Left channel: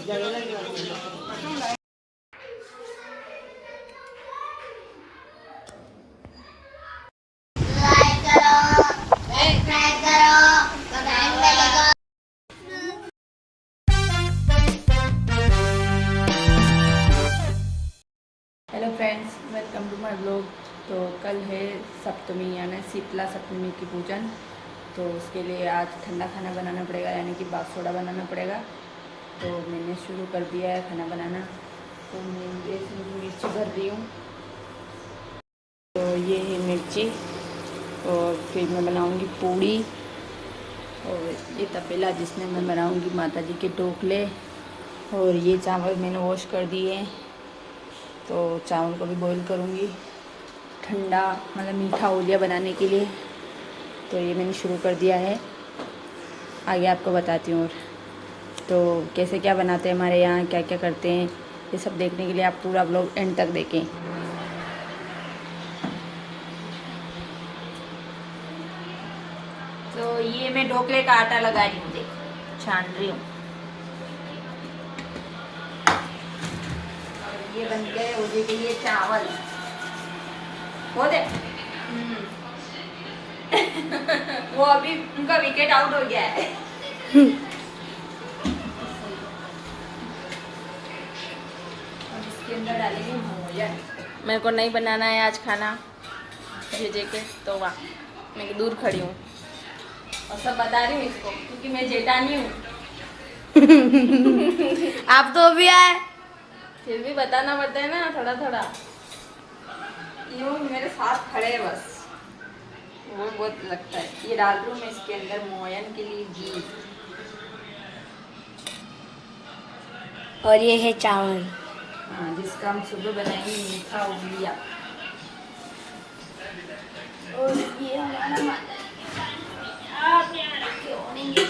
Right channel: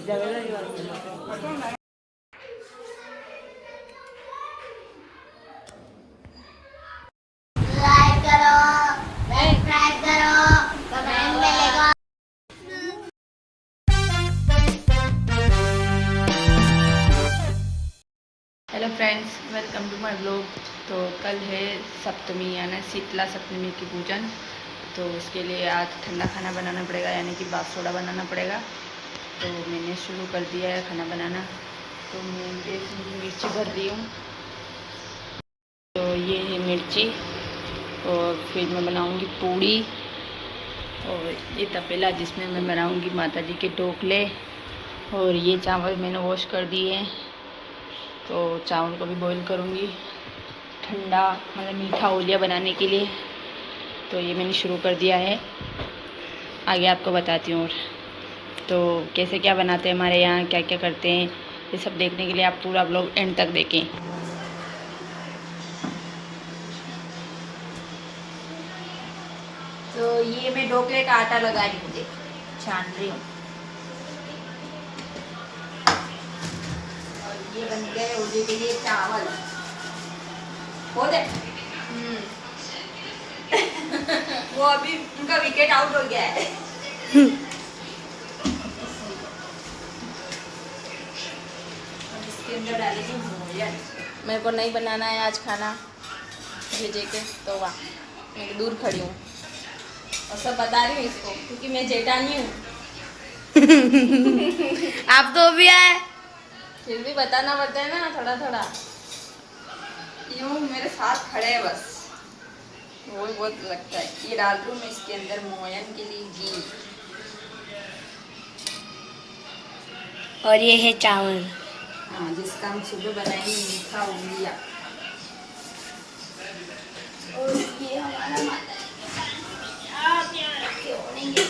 Hello friends, welcome to my blog. तो कल है सप्तमी यानी शीतला सप्तमी की पूजन। तो उसके लिए आज ठंडा खाना बनाना पड़ेगा, यानी कि बाप सोडा बनाना पड़ेगा। तो मैंने शुरू कर दिया है खाना बनाना। तो मैं मिर्ची भर रही हूँ। तो ये है मिर्ची, और फिर मैं बनाऊँगी पूड़ी। और ये तपेला जिसमें मैं बनाऊँगी माता जी के ढोकले। और ये चावल मैंने वॉश कर दिए हैं, तो चावल को भी बॉईल करूँगी ठंडा, मतलब मीठा ओलिया बनाने के लिए। तो ये मैंने शुरू कर दिया है, आगे आपको बताती हूँ। और तो कैसे क्या बनाते हैं हमारे यहाँ, क्या क्या करते हैं, ये सब देखने के लिए आप पूरा ब्लॉग एंड तक देखें। तो ये मैं ढोकले का आटा लगा रही हूँ, देखो छान रही हूँ। और ये बन गए ओलिए के लिए चावल। हो दे वो अभी उनका विकेट आउट हो गया है। इसके अंदर डालेंगे मोया। मेरे को नहीं बनाना है आज खाना भेजे के, तो वाह मैं दूर खड़ी हूँ और सब बता रही हूँ इसको, क्योंकि मैं जेठानी हूँ। आप तो भी आए, फिर भी बताना पड़ता है ना थोड़ा थोड़ा। यूँ मेरे साथ खड़े हैं बस, वो बहुत लगता है। ये डाल दूँ मैं इसके अंदर मोयन के लिए घी। और ये है चावल। हाँ, जिसका हम सुबह बनाएंगे मीठा उंगलिया। और ये हमारा माता आप यहाँ रखे होंगे।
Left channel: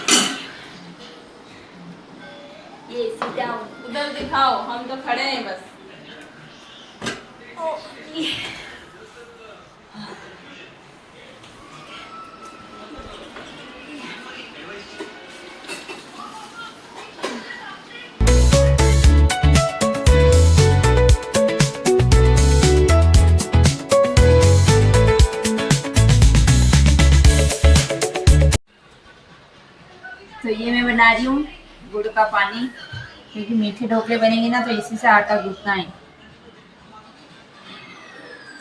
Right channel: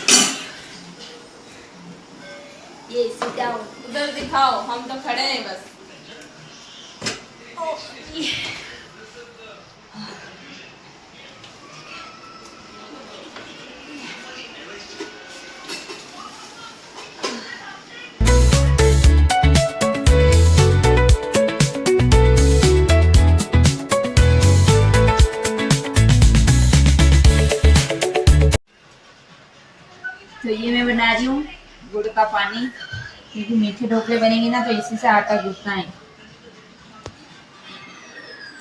ये सीधा उधर दिखाओ, हम तो खड़े हैं बस। ओ, ये तो ये मैं बना रही हूँ गुड़ का पानी, क्योंकि मीठे ढोकले बनेंगे ना, तो इसी से आटा गूंथना है।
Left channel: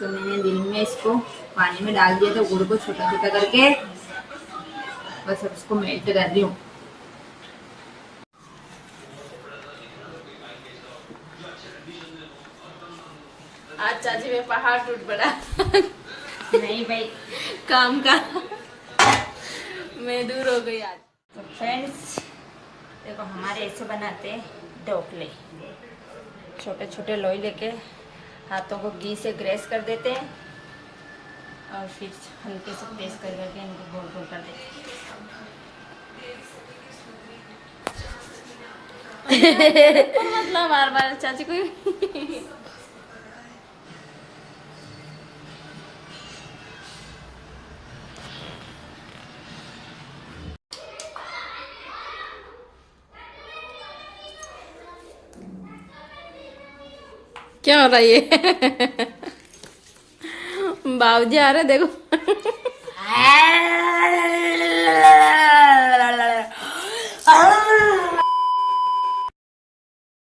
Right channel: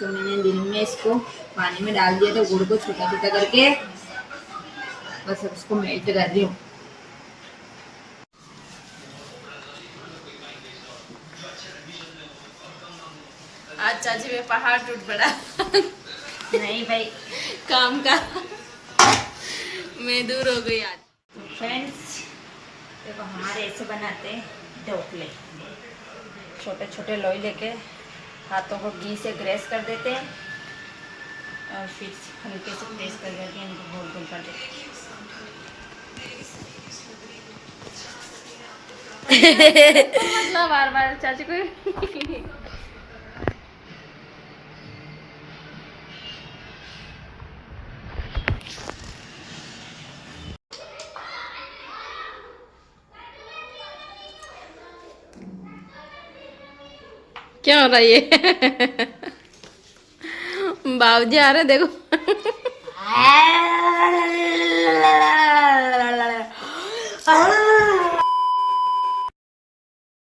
तो मैंने दिन में इसको पानी में डाल दिया था, गुड़ को छोटा छोटा करके, बस अब इसको मेल्ट कर रही हूँ। आज चाची में पहाड़ टूट पड़ा। नहीं भाई, काम का मैं दूर हो गई आज। तो फ्रेंड्स देखो, हमारे ऐसे बनाते हैं ढोकले। छोटे छोटे लोई लेके हाथों को घी से ग्रेस कर देते हैं, और फिर हल्के से प्रेस कर करके इनको गोल गोल कर देते हैं। मतलब बार बार चाची को क्या हो रहा है ये? बाबूजी आ रहे देखो।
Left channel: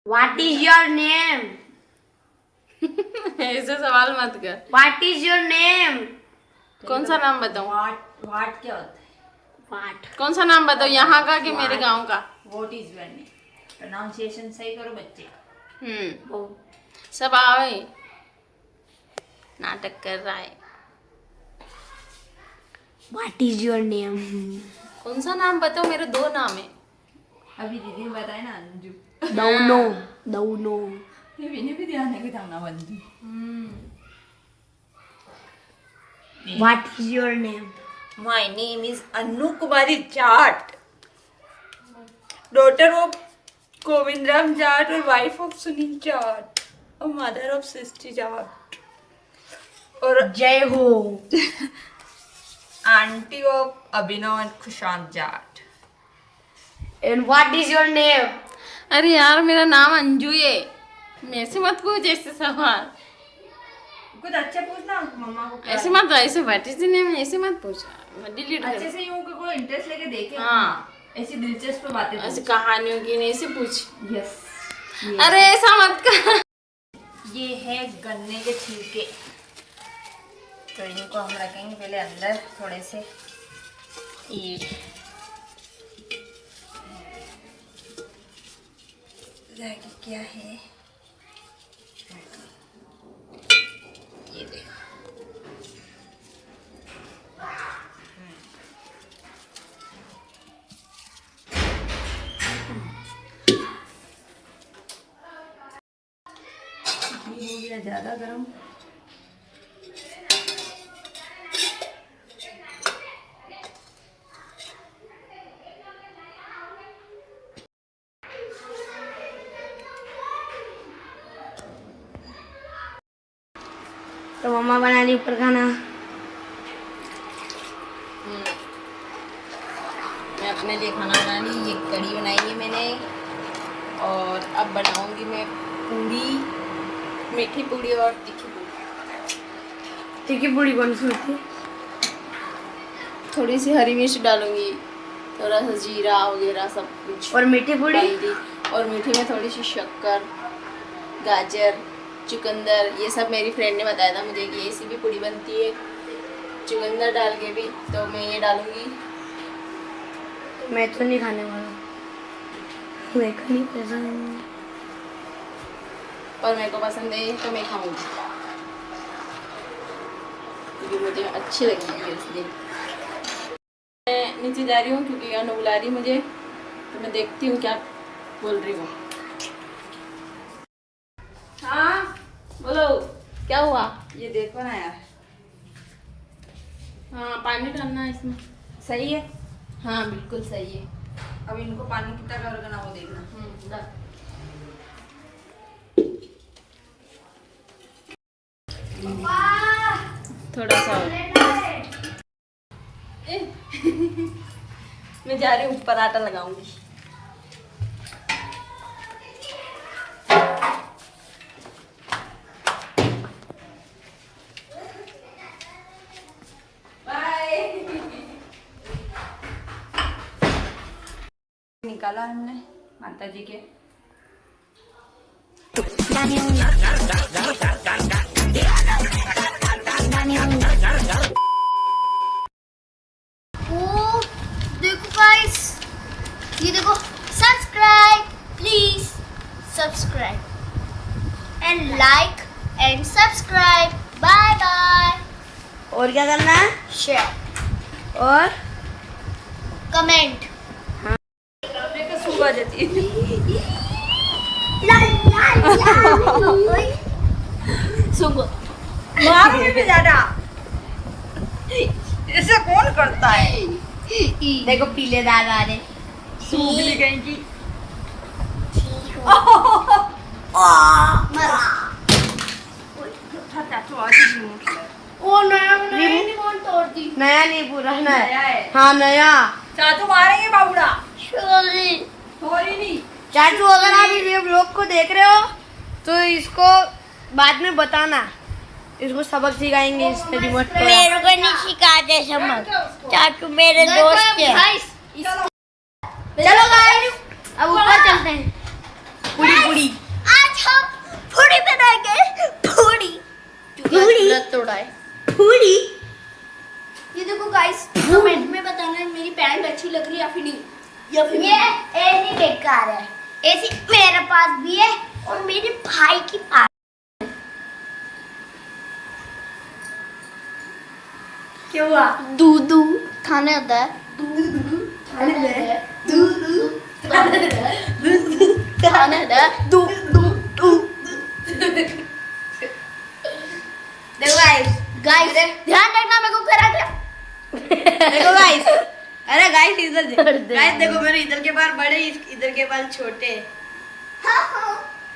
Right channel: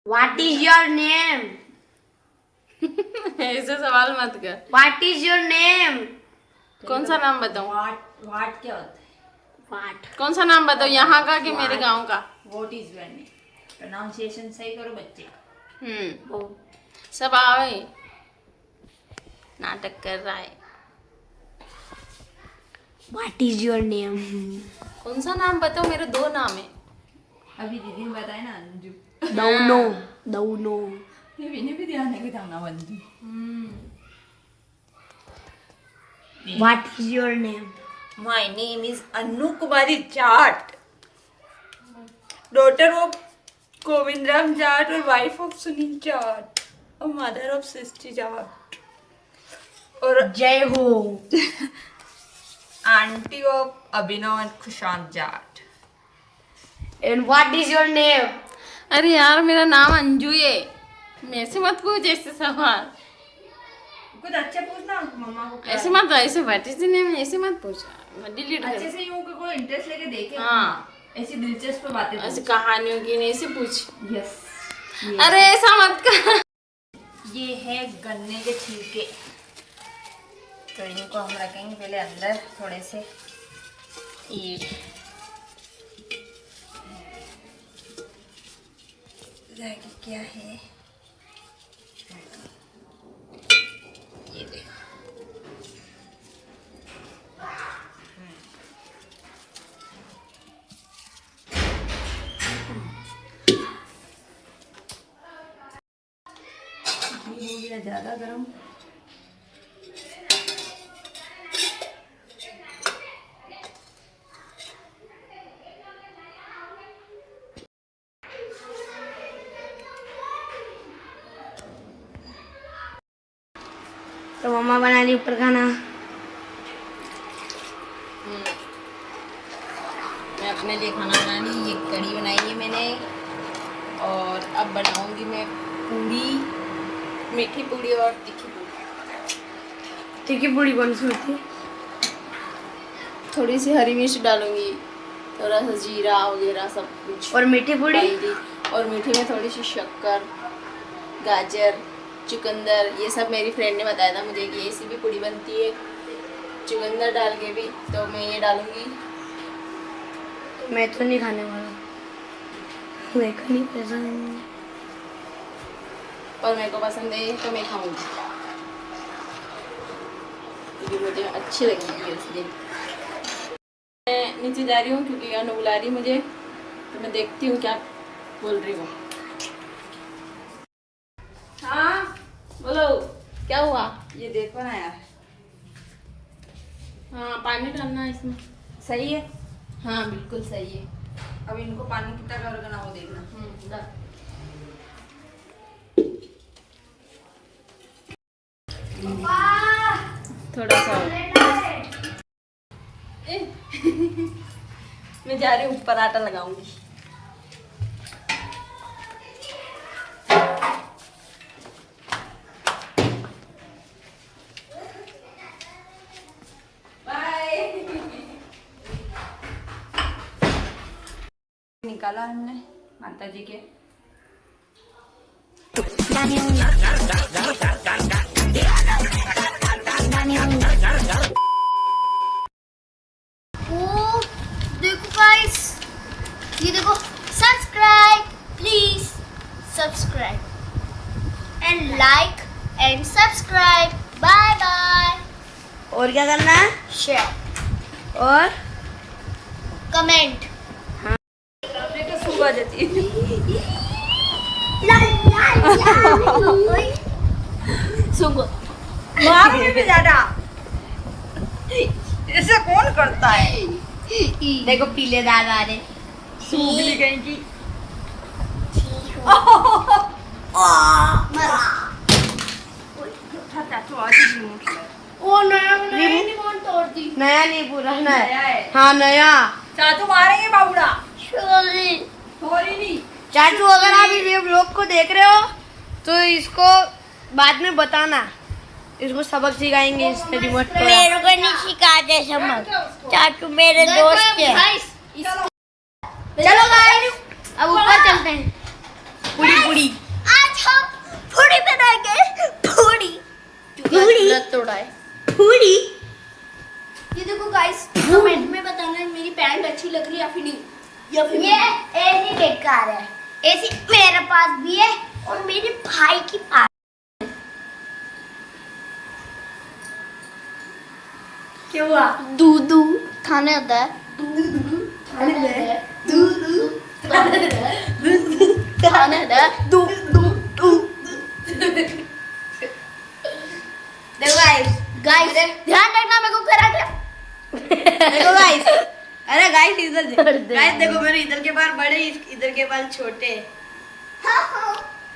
What is your name? ऐसे सवाल मत कर। What is your name? कौन सा नाम बताऊं? What क्या होता है? What? कौन सा नाम बताऊं, यहाँ का कि मेरे गांव का? What is your name? Pronunciation सही करो बच्चे। वो सब आवे, नाटक कर रहा है। What is your name? कौन सा नाम बताओ, मेरे दो नाम है। अभी दीदी ने बताया ना अंजू। Dauno. ये भी नहीं ध्यान है कि जाना बंदी। What is your name? My name is Annu Kumari Jat, daughter of Govindram Jat और wife of Sunil Jat और mother of Srishti Jat और जय हो। auntie of Abhinav and Kushant Jat. And what is your name? अरे यार मेरा नाम अंजू है, मेरे से मत पूछ ऐसे सवाल। कुछ अच्छा पूछना मम्मा को। ऐसे मत, ऐसे व्हाट इज द नेम ऐसे मत पूछ, डिलीट कर। अच्छे से यूं कि कोई इंटरेस्ट लेके देखे। हाँ, ऐसी दिलचस्प बातें ऐसे पूछ। कहानियों की नहीं, ऐसे पूछ। यस। अरे ऐसा मत कर। ये है गन्ने के छिलके, तो इनको हम रखेंगे पहले अंदर थोड़े से। ये क्या है, ये देखो। ये हो गया ज़्यादा गर्म। तो मम्मा बना ली ऊपर खाना। मैं अपने लिए खाना बना ली, ये कढ़ी बनाई है मैंने, और अब बनाऊंगी मैं पूड़ी, मीठी पूड़ी और तीखी पूड़ी। तीखी पूड़ी कौन सी होती है? थोड़ी सी हरी मिर्च डालूंगी, थोड़ा सा जीरा वगैरह सब कुछ। और मीठी पूड़ी? हल्दी, और मीठी में थोड़ी सी शक्कर, गाजर, चुकंदर, ये सब मेरी फ्रेंड ने बताया था मुझे कि ऐसी भी पूड़ी बनती है चुकंदर डाल के भी, तो मैं ये डालूंगी। मैं तो नहीं खाने वाला, मेरे को नहीं पसंद। और मेरे को पसंद है तो मैं खाऊंगी, क्योंकि मुझे अच्छी लगेगी इसलिए। मैं नीचे जा रही हूँ क्योंकि अनु बुला रही मुझे, तो मैं देखती हूँ क्या बोल रही हूँ। हाँ बोलो, क्या हुआ? ये देखो ना यार, हाँ पानी डालना है इसमें। सही है। हाँ बिल्कुल सही है। अब इनको पानी कितना करोगे ना वो देखना। डाल। थोड़ा सा और। मैं जा रही हूँ ऊपर, आटा लगाऊंगी। निकाला हमने माता जी के। ओ देखो गाइस, ये देखो, subscribe please, subscribe and like and subscribe. Bye bye. और क्या करना है? शेयर और कमेंट। सुबह जाती है। मारोगे भी ज्यादा, ऐसा कौन करता है? देखो पीले दाग आ रहे। सूखली कहीं की। ओ नया रिमोट तोड़ दी। नया नहीं, पूरा नया नया। है। हाँ नया। चाचू मारेंगे बाबूड़ा। सॉरी। सॉरी नहीं। चाचू अगर आप ये व्लॉग को देख रहे हो तो इसको बाद में बताना, इसको सबक सिखाएंगे इसने रिमोट तोड़ा। मेरे को नहीं सिखाते समझ, चाचू मेरे दोस्त है। चलो गाइस अब ऊपर चलते हैं। पूड़ी पूड़ी आज हम पूड़ी बनाएंगे। पूड़ी तोड़ा है। पूड़ी। ये देखो गाइस, कमेंट में बताना मेरी पैंट अच्छी लग रही है या फिर नहीं, या फिर ये ऐसी बेकार है। ऐसी मेरे पास भी है और मेरे भाई की पास। क्या हुआ? दूधू खाने आता है। दूधू खाने आता है। दूधू खाने आता है। दूधू खाने आता है। दूधू। देखो गाइस, गाइस ध्यान रखना, मेरे को करा दिया। देखो गाइस, अरे गाइस इधर देखो। गाइस देखो मेरे इधर के बाल बड़े, इधर के बाल छोटे।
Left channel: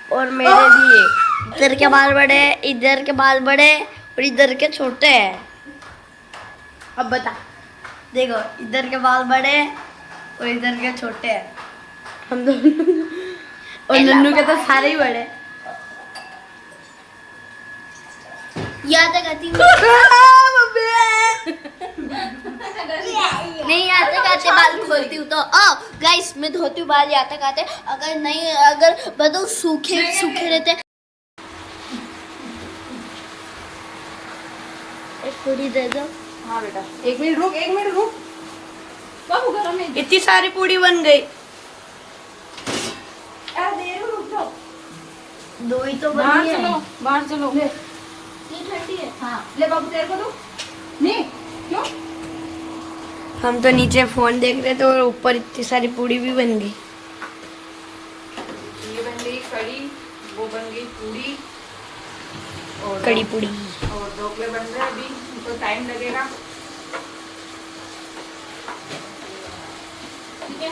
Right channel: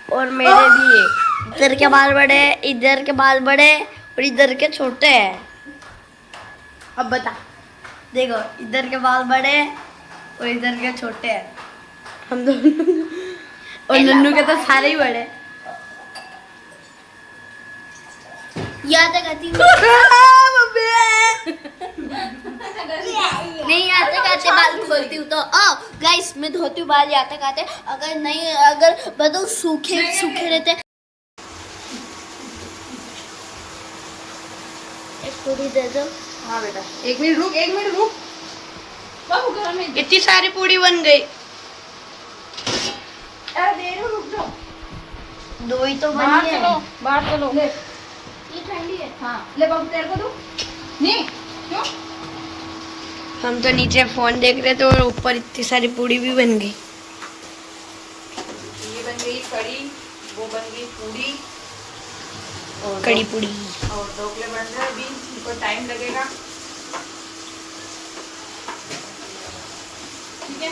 और मेरे भी इधर के बाल बड़े, इधर के बाल बड़े और इधर के छोटे हैं। अब बता, देखो इधर के बाल बड़े और इधर के छोटे हैं। हम दोनों और नन्नू के तो सारे ही बड़े। याद करती हूँ नहीं आते खाते बाल खोलती हूँ तो गाइस मैं धोती हूँ बाल आते खाते, अगर नहीं अगर बताओ सूखे सूखे रहते। एक पूरी दे दो। हाँ बेटा, 1 मिनट रुक, 1 मिनट रुक। बाबू गरम है। इतनी सारी पूरी बन गई। अरे रुक जाओ। 2 ही तो बाहर बनी है। चलो, बाहर चलो। ले, ये ठंडी है। हाँ ले बाबू, तेरे को दो। नहीं क्यों? हम तो नीचे फोन देख रहे थे और ऊपर इतनी सारी पूरी भी बन गई। ये बन गई कड़ी, वो बन गई पूरी और कड़ी पूरी। और ढोकले बन रहे हैं अभी, इनको टाइम लगेगा। ठीक है।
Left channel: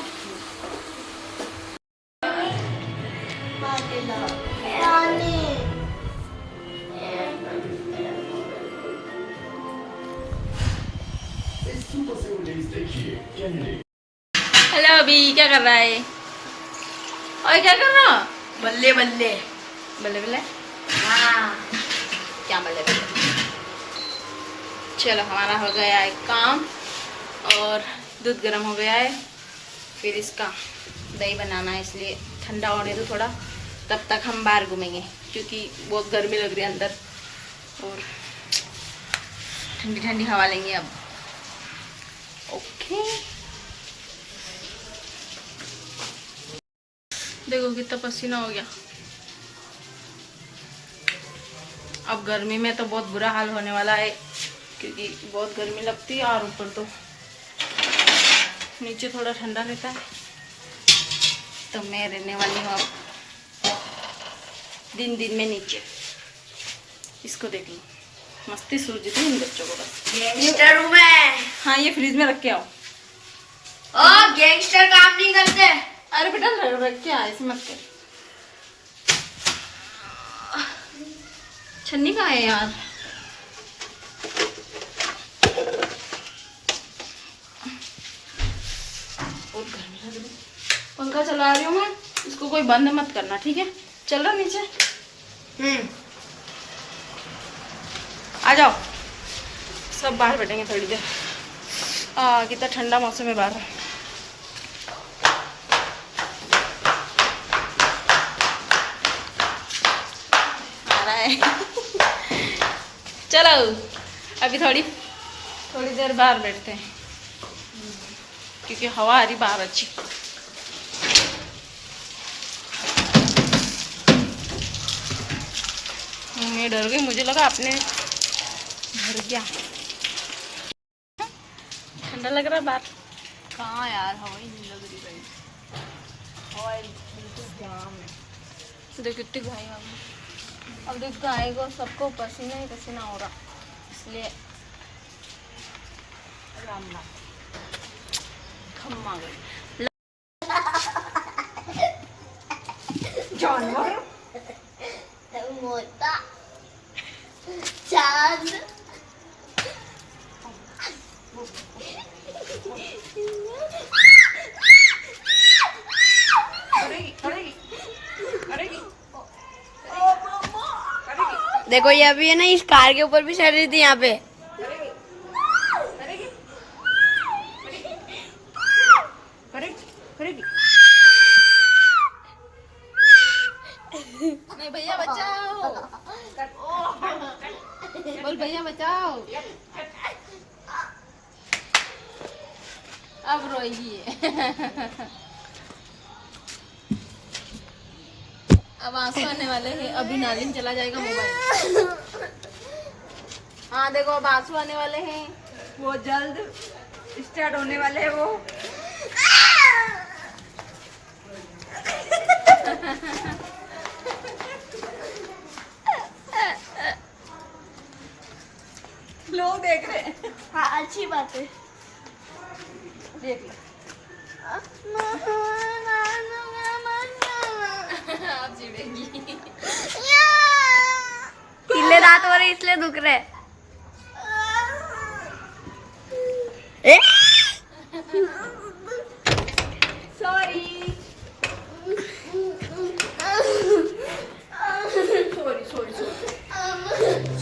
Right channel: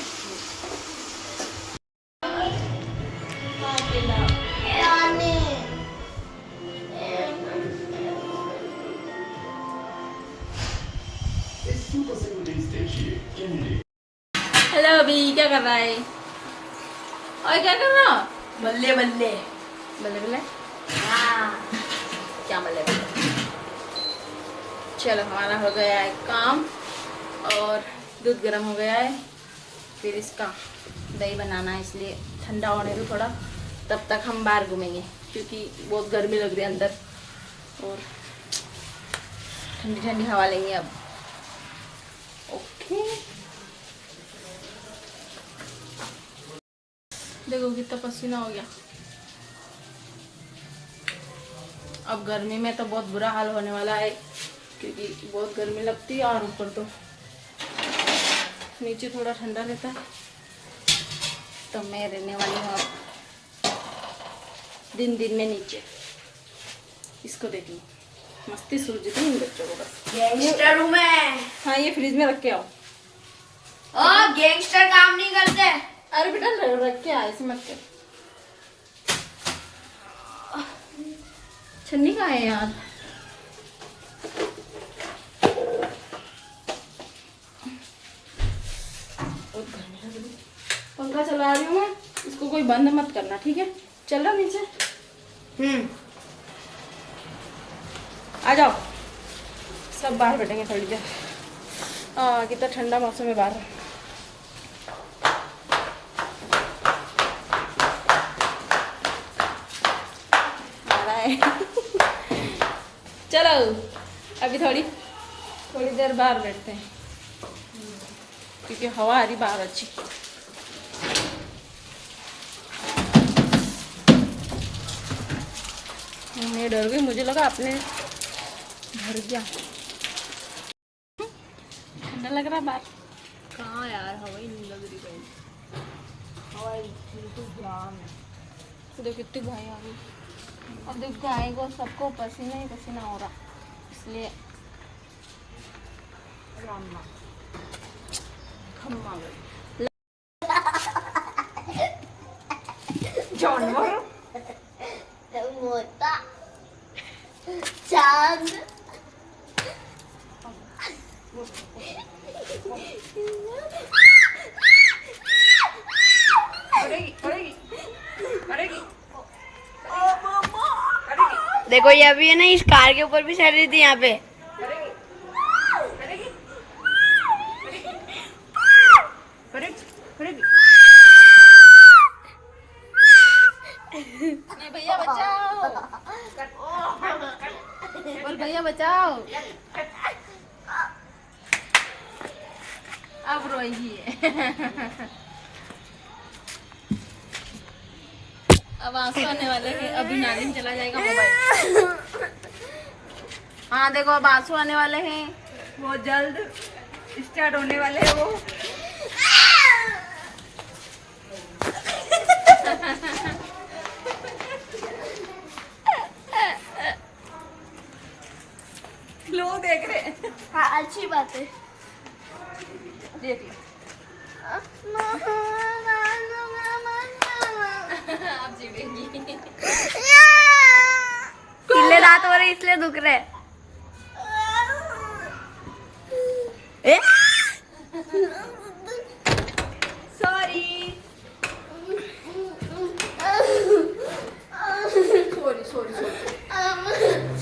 हेलो, अभी क्या कर रहा है? और क्या कर रहा? बल्ले बल्ले। बल्ले बल्ले। हाँ। क्या बल्ले बल्ले? चलो, हमारा हो गया है काम और दूध गर्म हो गया है। फिर इसका दही बनाना है, इसलिए ठंडा होने दो थोड़ा, तब तक हम बाहर घूमेंगे क्योंकि बहुत गर्मी लग रही है अंदर और ठंडी ठंडी हवा लेंगे अब। ओके, देखो कितना पसीना हो गया। अब गर्मी में तो बहुत बुरा हाल होने वाला है क्योंकि बहुत गर्मी लगती है और ऊपर तो नीचे थोड़ा ठंडा रहता है। तो मैं रहने वाली हूँ अब दिन दिन में नीचे। इसको देख लो, मस्ती सूझ थी इन बच्चों को बस। गैंगस्टर हूँ मैं। हाँ, ये फ्रिज में रख के आओ। गैंगस्टर काम नहीं करते। अरे बेटा, रख के आ, ऐसे मत कर। छन्नी कहाँ है यार? बहुत गर्मी लग रही है। पंखा चला रही हूँ मैं, इसको कोई बंद मत करना, ठीक है? चल रहा नीचे। आ जाओ, सब बाहर बैठेंगे थोड़ी देर। कितना ठंडा मौसम है बाहर। आ रहा है। चलो, अभी थोड़ी देर बाहर बैठते हैं क्योंकि हवा आ रही बाहर अच्छी। मैं डर गई, मुझे लगा आपने भर गया। ठंडा लग रहा है बाहर। कहाँ यार, हवा ही नहीं लग रही है। हवा बिल्कुल जाम है। तो देख कितनी गाय आ गई। अब देख गाय को सबको पसीना ही पसीना हो रहा, इसलिए राम नाम थम आ गई। जानवर मोटा चांद देखो ये अभी है ना, इस कार के ऊपर भी चढ़ रही थी यहाँ पे। भैया बचाओ, और भैया बचाओ। अब रोई है। अब आंसू आने वाले हैं, अभी नाली में चला जाएगा मोबाइल। हाँ देखो, अब आंसू आने वाले हैं, वो जल्द स्टार्ट होने वाले हैं वो। लोग देख रहे हैं। हाँ अच्छी बात है। देख लो। आप चिढ़ेंगी। किले दांत हो रहे इसलिए दुख रहे। ए? सॉरी।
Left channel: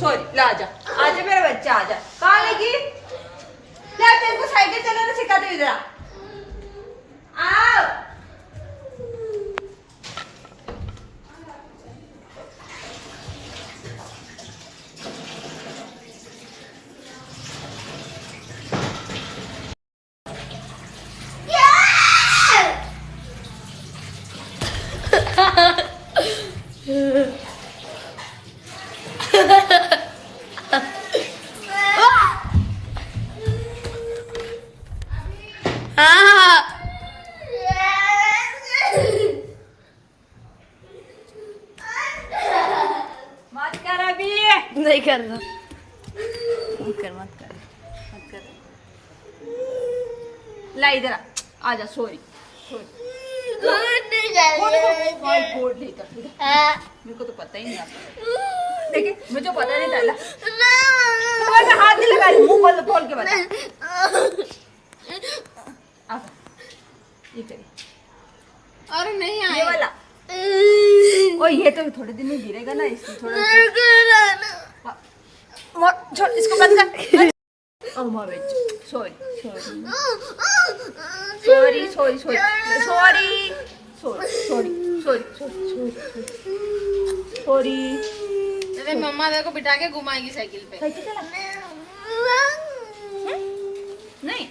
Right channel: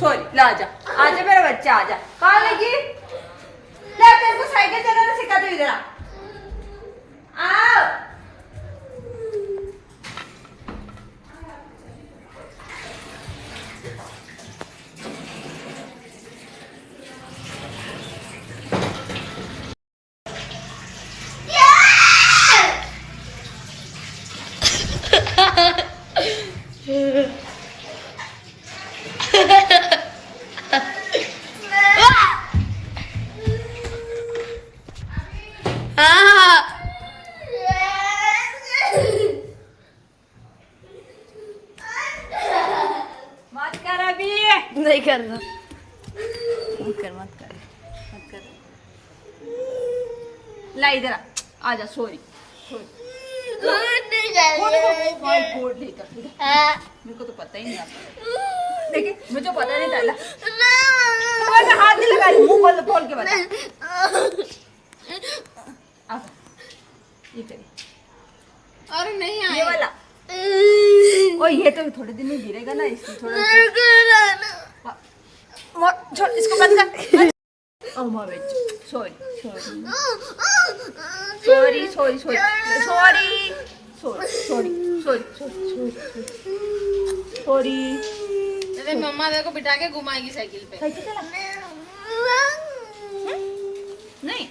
सॉरी, ला आजा आजा मेरा बच्चा आजा। कहाँ लगी? ला तेरे को साइकिल चलाना सिखा दो, इधर आओ। मत कर अभी, नहीं कर रहा। मत कर। ला इधर आजा, सॉरी मेरे को तो पता ही नहीं आता। देखिए मुझे पता नहीं था। तुम्हारे हाथ नहीं लगा रही, मुंह खोल के बता। ये करिए। अरे नहीं ये वाला। ओ ये तो थोड़े दिन में गिरेगा ना, इसलिए थोड़ा छोड़, इसको बंद कर। अम्मा बेच, सॉरी अरे मम्मा देखो बिठा के घुमाएगी साइकिल पे। साइकिल चला नहीं,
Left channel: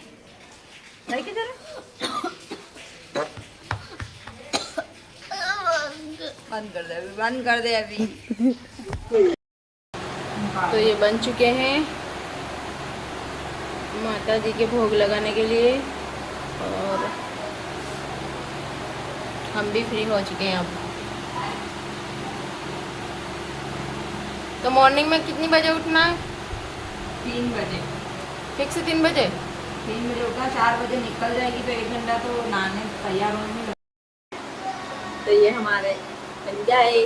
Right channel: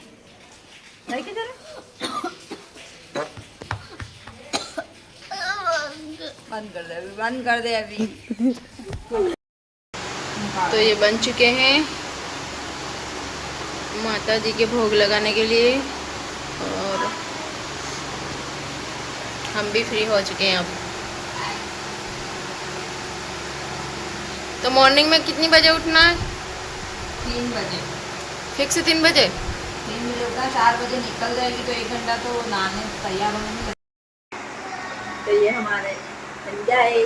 साइकिल चला बंद कर दे अभी। तो ये बन चुके हैं माता जी के भोग लगाने के लिए, और हम भी फ्री हो चुके हैं अब। तो मॉर्निंग में कितनी बजे उठना है? 3 बजे फिक्स 3 बजे। 3 बजे उठना, 4 बजे निकल जाएगी तो 1 घंटा तो नहाने तैयार होने में। तो ये हमारे बन जाए।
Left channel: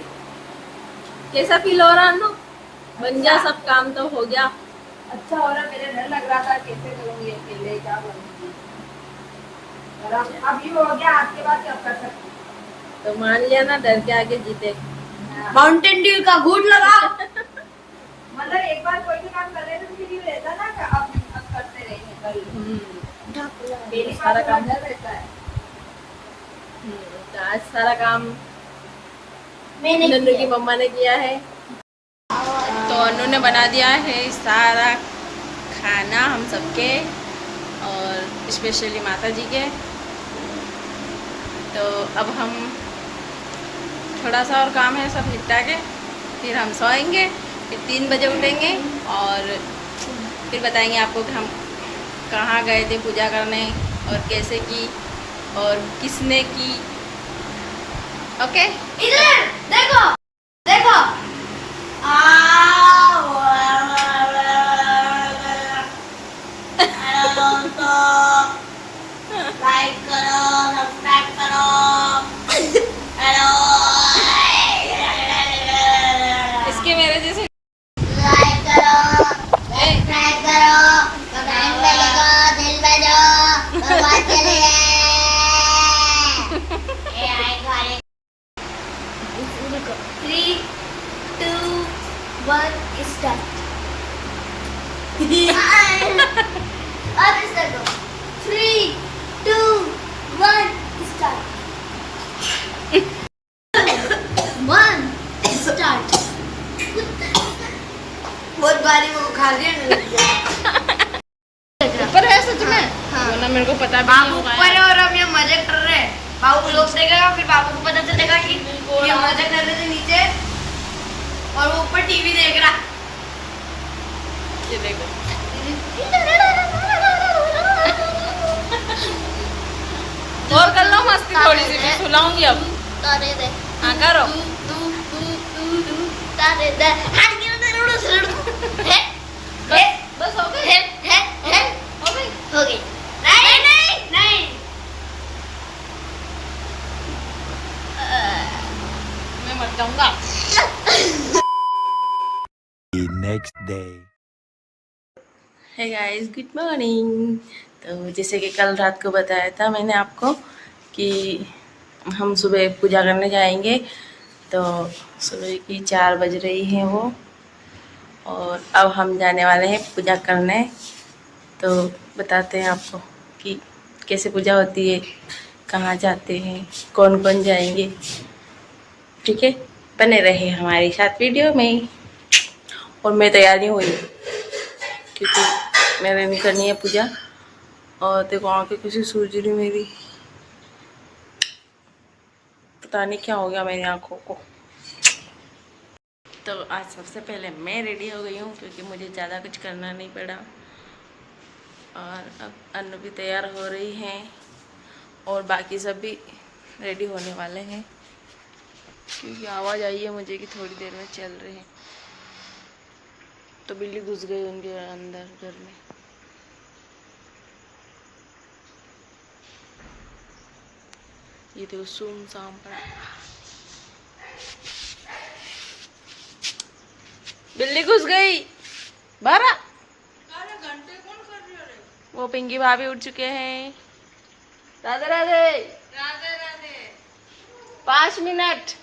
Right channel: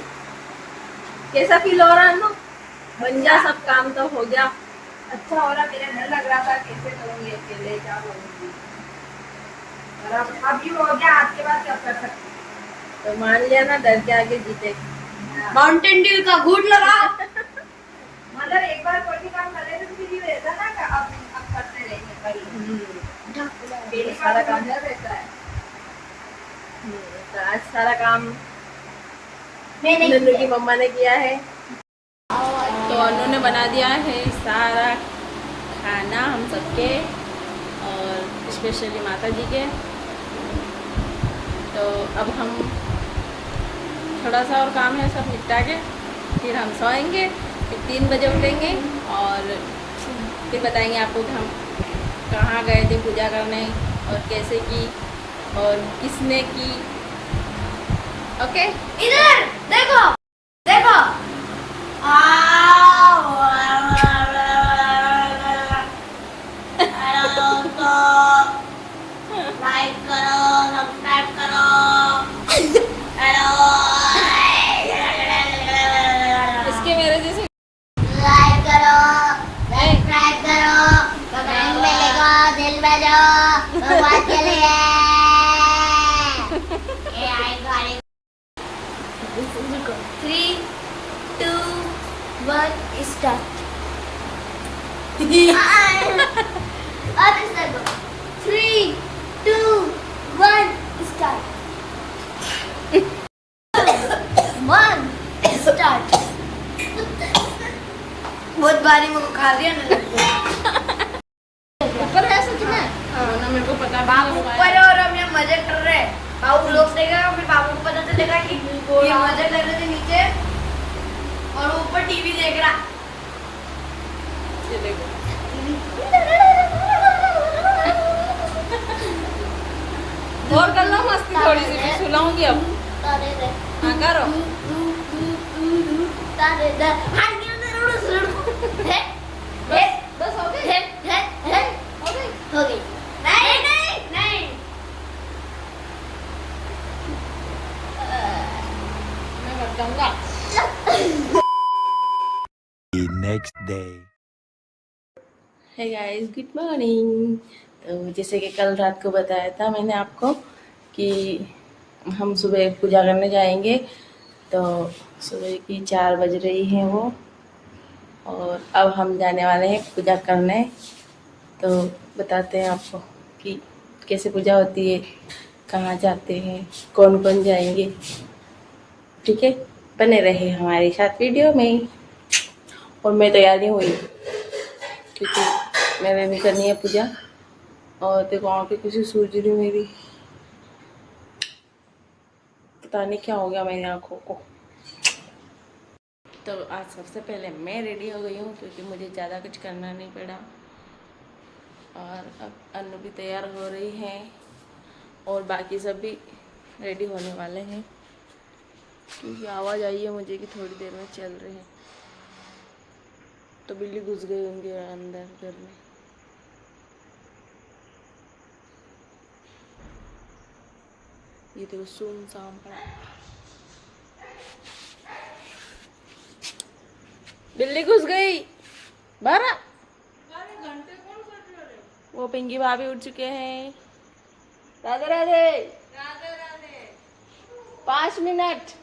कैसा फील हो रहा है? बन जा, सब काम तो हो गया। अच्छा हो रहा, मेरे डर लग रहा था कैसे करूँगी अकेले, क्या करूँगी। और अब ये हो गया, आपके बाद क्या कर सकती। तो मान लिया ना, डर के आगे जीते। माउंटेन ड्यू का गुड लगा। मतलब एक बार कोई भी काम कर रहे थे तो फिर ये रहता ना कि अब करते रहेंगे कल। सारा काम रहता है। तो आज सारा काम नन्नू की मम्मा ने किया है। तो अनु ने बना दिया है सारा खाना हम सबके, और स्पेशली माता जी के। तो अब हम थोड़ा सा और काम है, सब निपटा के फिर हम सोएंगे, फिर 3 बजे उठेंगे और फिर बताएंगे आपको कि हम कहाँ गए थे पूजा करने और कैसे की और किसने की। ओके इधर देखो देखो। लाइक करो, सब्सक्राइब करो। हेलो, इसके मेरे जैसे लाइक करो, सब्सक्राइब करो, कमेंट में लिखो, दिल में दो, भगवान के लिए। ये आएगा 3, 2, 1 स्टार्ट। अब स्टार्ट करो। 3, 2, 1 स्टार्ट। 1 स्टार्ट। बहुत बारी वो खा रही है ऊपर है सच में। वो ना मेरे को पता भी नहीं बाबू होगा ऊपर है और हम यहाँ मजे कर रहे हैं। बाबू लोग देखेगा, फिर बाबू को पता चलेगा कि ये मजे कर रहे थे नीचे और वो ऊपर टीवी देख रहा। ये देखो और कर लो मस्ती थोड़ी सी, मैं सुलाऊंगी अब। तारे दे हाँ करो। तारे दे हाथ गिर दे रोड से है बस हो गई। है हो गई। हो गई। नहीं नहीं नहीं। मैं मर जाऊंगा। The next day. Hey guys, good morning. तो जैसे कि कल रात को बताया था मैंने आपको कि हम सुबह पूजा करने जाएंगे। तो सुबह की 4 बज रही हैं वो, और अब हम जाने वाले हैं पूजा करने। तो बताते हैं आपको कि कैसे पूजा होती है, कहाँ जाते हैं, कौन कौन जाएंगे। ठीक है, बने रहे हमारे साथ वीडियो में। और मैं तैयार नहीं हुई क्योंकि मैंने नहीं करनी है पूजा। और देखो आँखें किसी सूझ रही मेरी, पता नहीं क्या हो गया मेरी आँखों को। तो आज सबसे पहले मैं रेडी हो गई हूँ क्योंकि मुझे ज़्यादा कुछ करना नहीं पड़ा। और अब अनु भी तैयार हो रही हैं और बाकी सब भी रेडी होने वाले हैं क्योंकि आवाज़ आई है मुझे कि थोड़ी देर में चल रहे हैं। तो बिल्ली घुस गई उनके अंदर घर में। ये देखो सुनसान पड़ा, बिल्ली घुस गई। 12 घंटे कौन कर रही है? वो पिंकी भाभी उठ चुके हैं। राधे राधे राधे राधे। 5 मिनट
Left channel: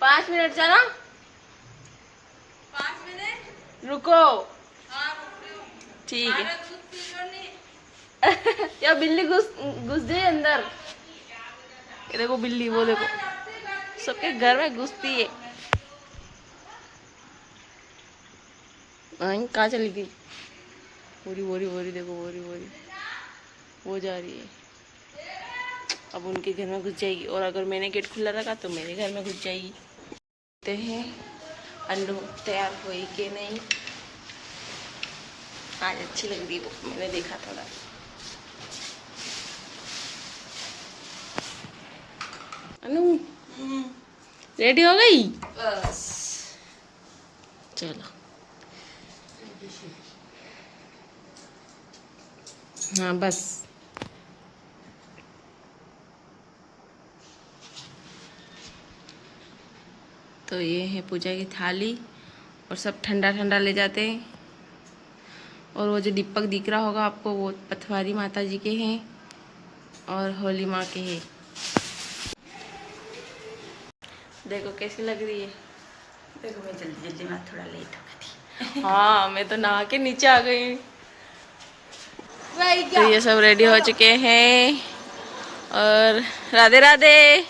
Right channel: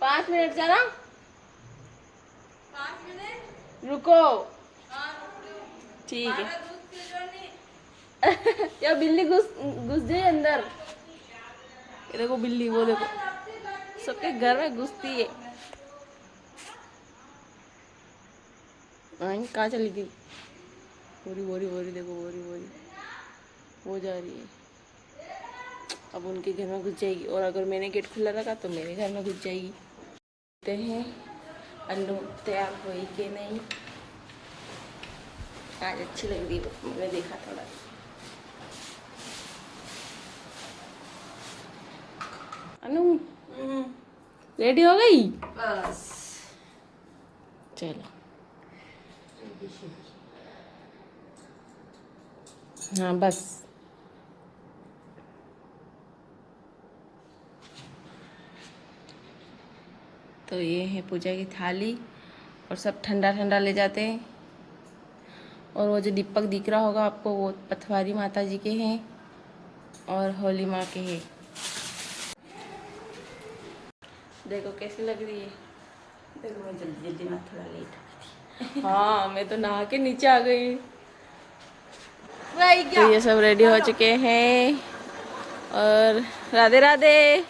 5 मिनट चला। 5 मिनट रुको। ठीक है। या बिल्ली घुस गई अंदर। ये देखो बिल्ली, वो देखो सबके घर में घुसती है। कहाँ चली गई? वोरी वोरी वोरी देखो, वोरी वोरी वो जा रही है। अब उनके घर में घुस जाएगी और अगर मैंने गेट खुला रखा तो मेरे घर में घुस जाएगी। देखते हैं अन्नू तैयार हुई कि नहीं। आज अच्छी लग रही वो, मैंने देखा थोड़ा। अनु रेडी हो गई? बस चलो। हाँ बस। तो ये है पूजा की थाली और सब ठंडा ठंडा ले जाते हैं। और वो जो दीपक दिख रहा होगा आपको, वो पथवारी माता जी के हैं और होली माँ के हैं। देखो कैसी लग रही है। देखो मैं जल्दी जल्दी में थोड़ा लेट हो गई थी। हाँ मैं तो नहा के नीचे आ गई। तो ये सब रेडी हो चुके हैं और राधे राधे।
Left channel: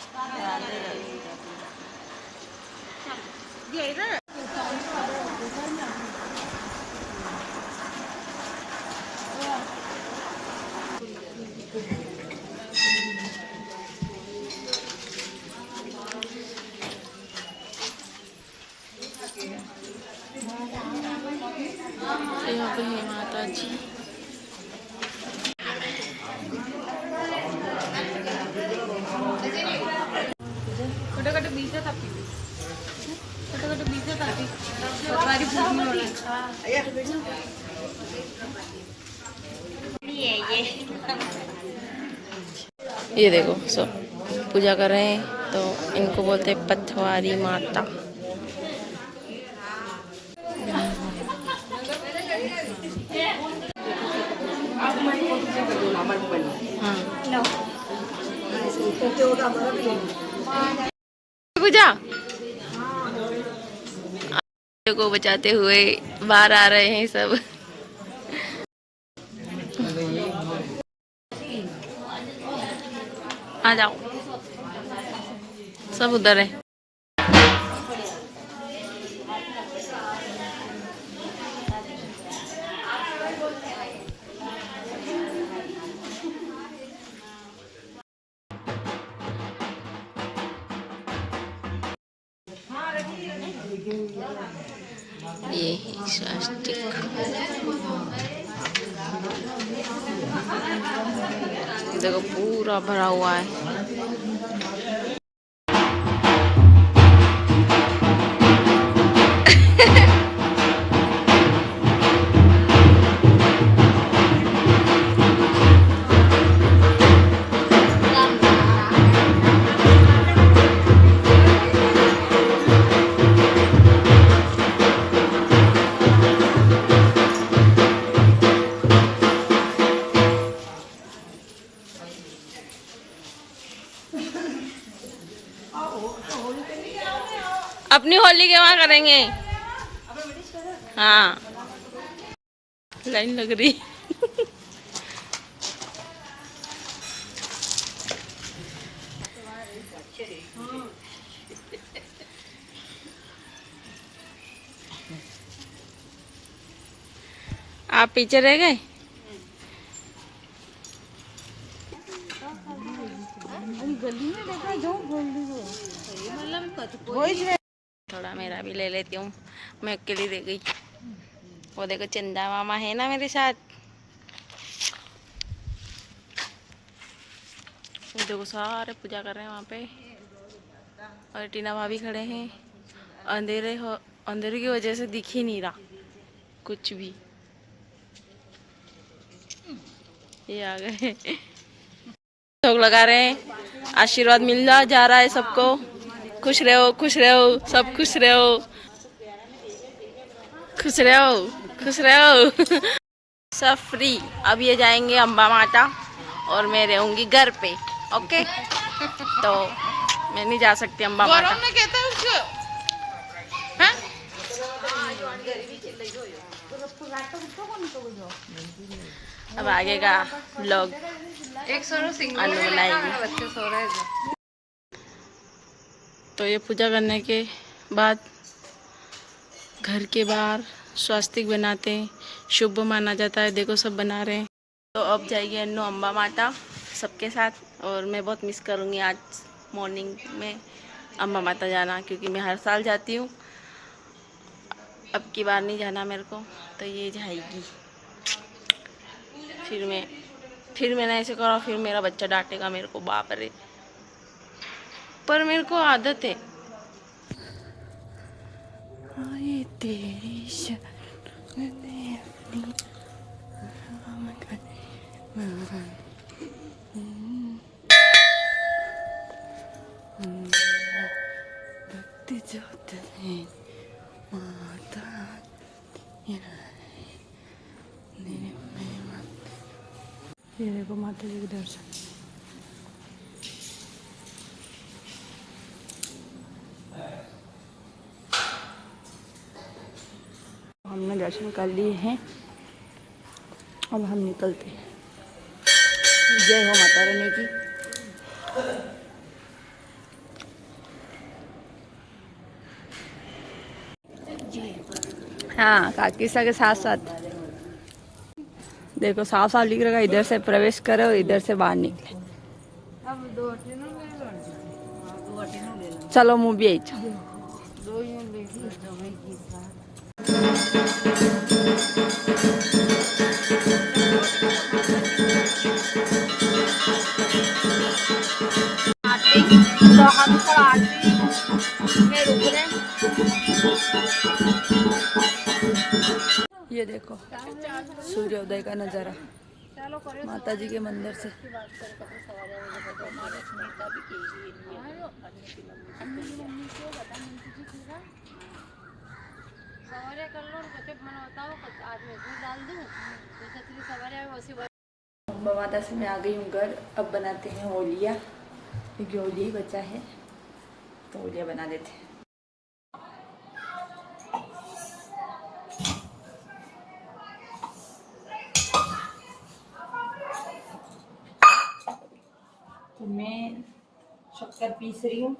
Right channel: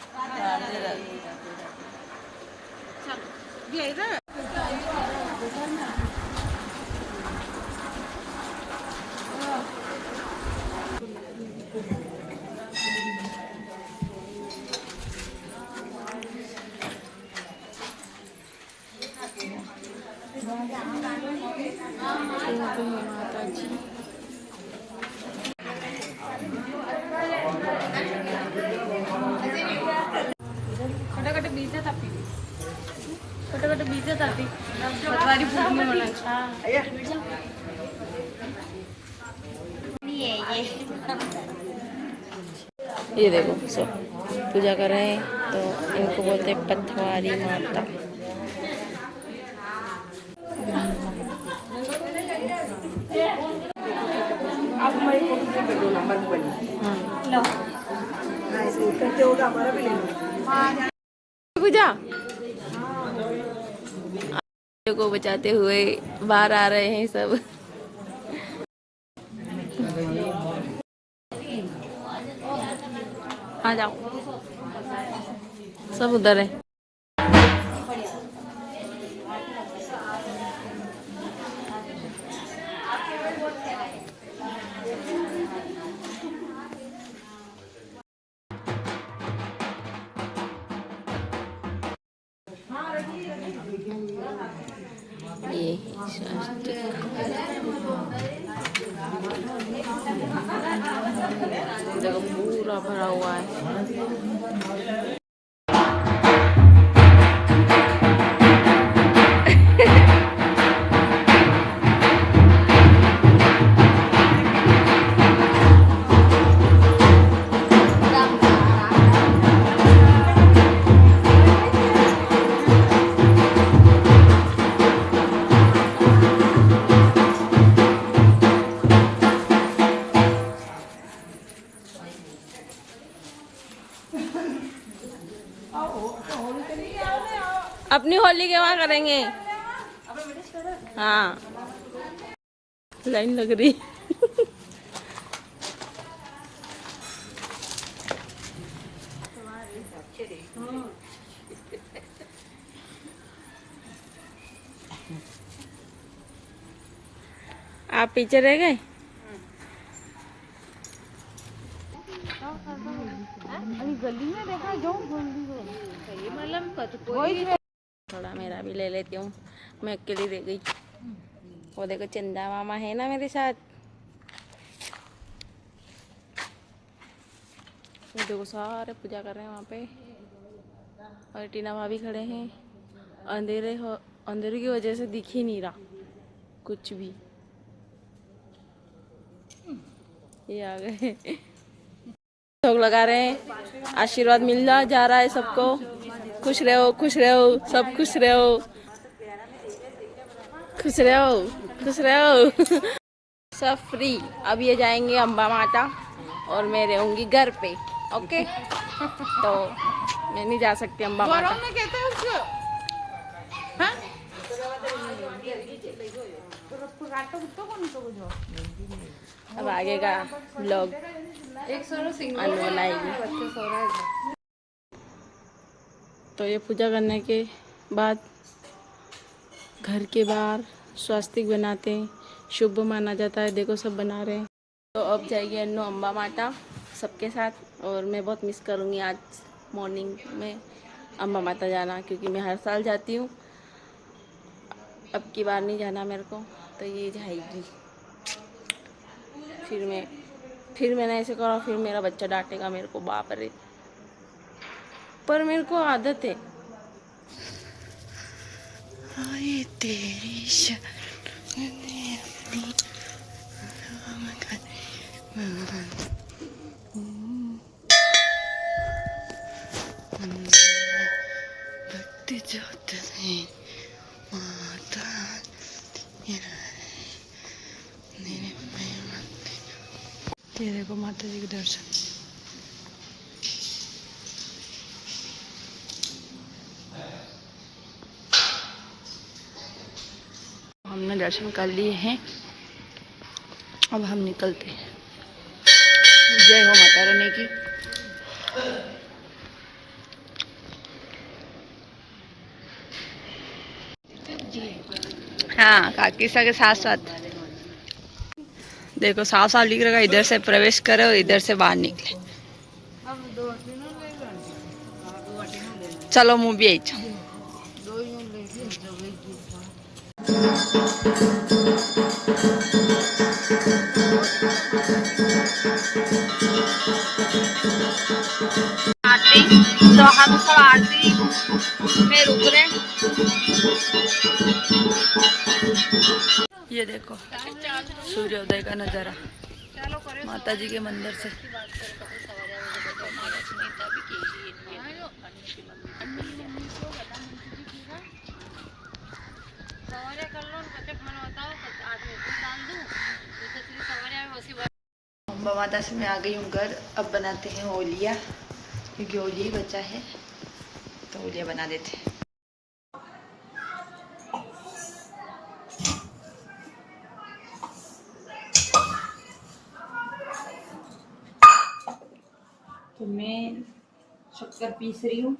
यहाँ पे है माता जी। ये देखो सब पूजा कर रहे हैं, तो इनको बोलते हैं पथवारी माता। पूजा को बचाते हुए बाहर आ रहे हैं सब। आ जाओ, सब उधर है। ये है स्वास्तिक। देखो पूरा भरा हुआ है। अपनी होली के वहाँ करेंगे। हाँ लाइन लग रही। आप पीछे रह गए। थोड़ा मेरा भी ले लेती हूँ, मैं अकेली रह गई। वो देखो चंदा मामा है ना मेरे साथ। वो देखो सारे पूजा कर रहे हैं वहाँ पे, और टीना भाभी खड़े हैं। अंधेरे की वजह से दिख ही नहीं रहा कुछ भी। ये आ गए, लोग लगा रहे हैं, आशीर्वाद मिल जा रहा है सबको। खुश रहो, खुश रहो, सब खुश रहो, खुश रहो, खुश रहो। सब फ्री। अब ये जाएंगे अम्बा माता और मैं रहूंगी घर पे। ओके, तो मैं नहीं जा सकती अम्बा माता। हाँ? अब आगे का व्लॉग अनु बनाएगी। तो ये पूजा करने के बाद घर के बाहर स्वास्तिक बनाते हैं, शुभ माना जाता है। देखो सब बना रहे हैं। तो अब जाएगी अन्नू अम्बा माता सबके साथ, और मैं बहुत मिस करूँगी आज मॉर्निंग में अम्बा माता जाना, क्योंकि मैं हर साल जाती हूँ। अब की बार नहीं जाना मेरे को, तो ये जाएगी। फिर मैंने ऐसे करा, फिर मेरा बच्चा डांटेगा मेरे को, बाप रे। पर मेरे को आदत है। आए तेरी भक्ति जोत है माता तेरे को माता जी के दर्शन। हमने दर्शन कर लिए हैं, अब हम निकलते हैं। जय हो माता रानी की। हाँ, काकीसा के साथ साथ देखो साफ साफ लिख रखा, इधर से प्रवेश करो और इधर से बाहर निकले। चलो मुँह भी आई। तो हम सब आरती में रुक रहे। ये देखो सूर्योदय का नज़ारा माता जी के मंदिर से। अम्बा माता से मैं आ गई हूँ घर। अब बनाते हैं ओलिया, क्योंकि ओलिया ही बचा है, तो ओलिया बना देते हैं। तो मैं शक्कर पीस रही हूँ।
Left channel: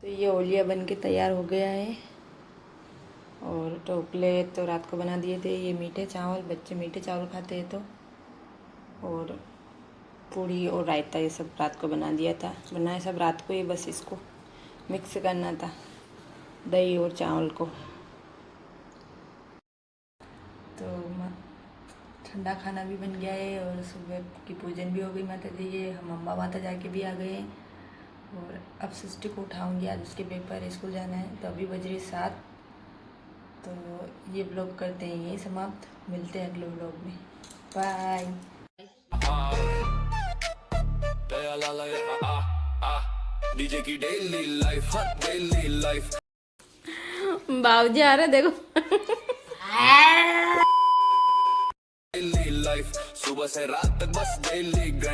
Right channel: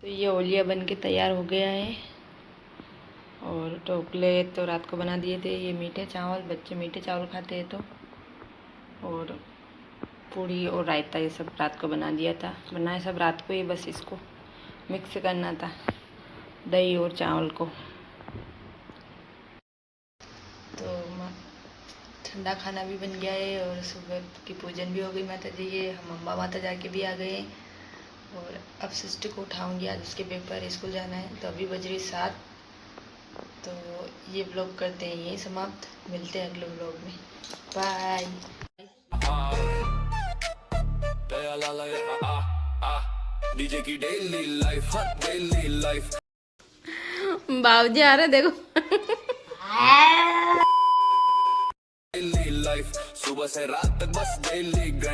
तो ये ओलिया बन के तैयार हो गया है। और ढोकले तो रात को बना दिए थे। ये मीठे चावल, बच्चे मीठे चावल खाते हैं तो, और पूड़ी और रायता ये सब रात को बना दिया था। बनाया सब रात को ही, बस इसको मिक्स करना था दही और चावल को। तो ठंडा खाना भी बन गया है और सुबह की पूजन भी हो गई माता जी के। हम अम्बा माता जाके भी आ गए और अब सिस्टर को उठाऊंगी, आज उसके पेपर स्कूल जाना है। तो अभी बज रही 7। तो ये ब्लॉग करते हैं यही समाप्त। मिलते हैं अगले ब्लॉग में। बाय। डीजे की डेली लाइफ बाबूजी आ रहे देखो। डेली लाइफ सुबह से रात तक बस डेली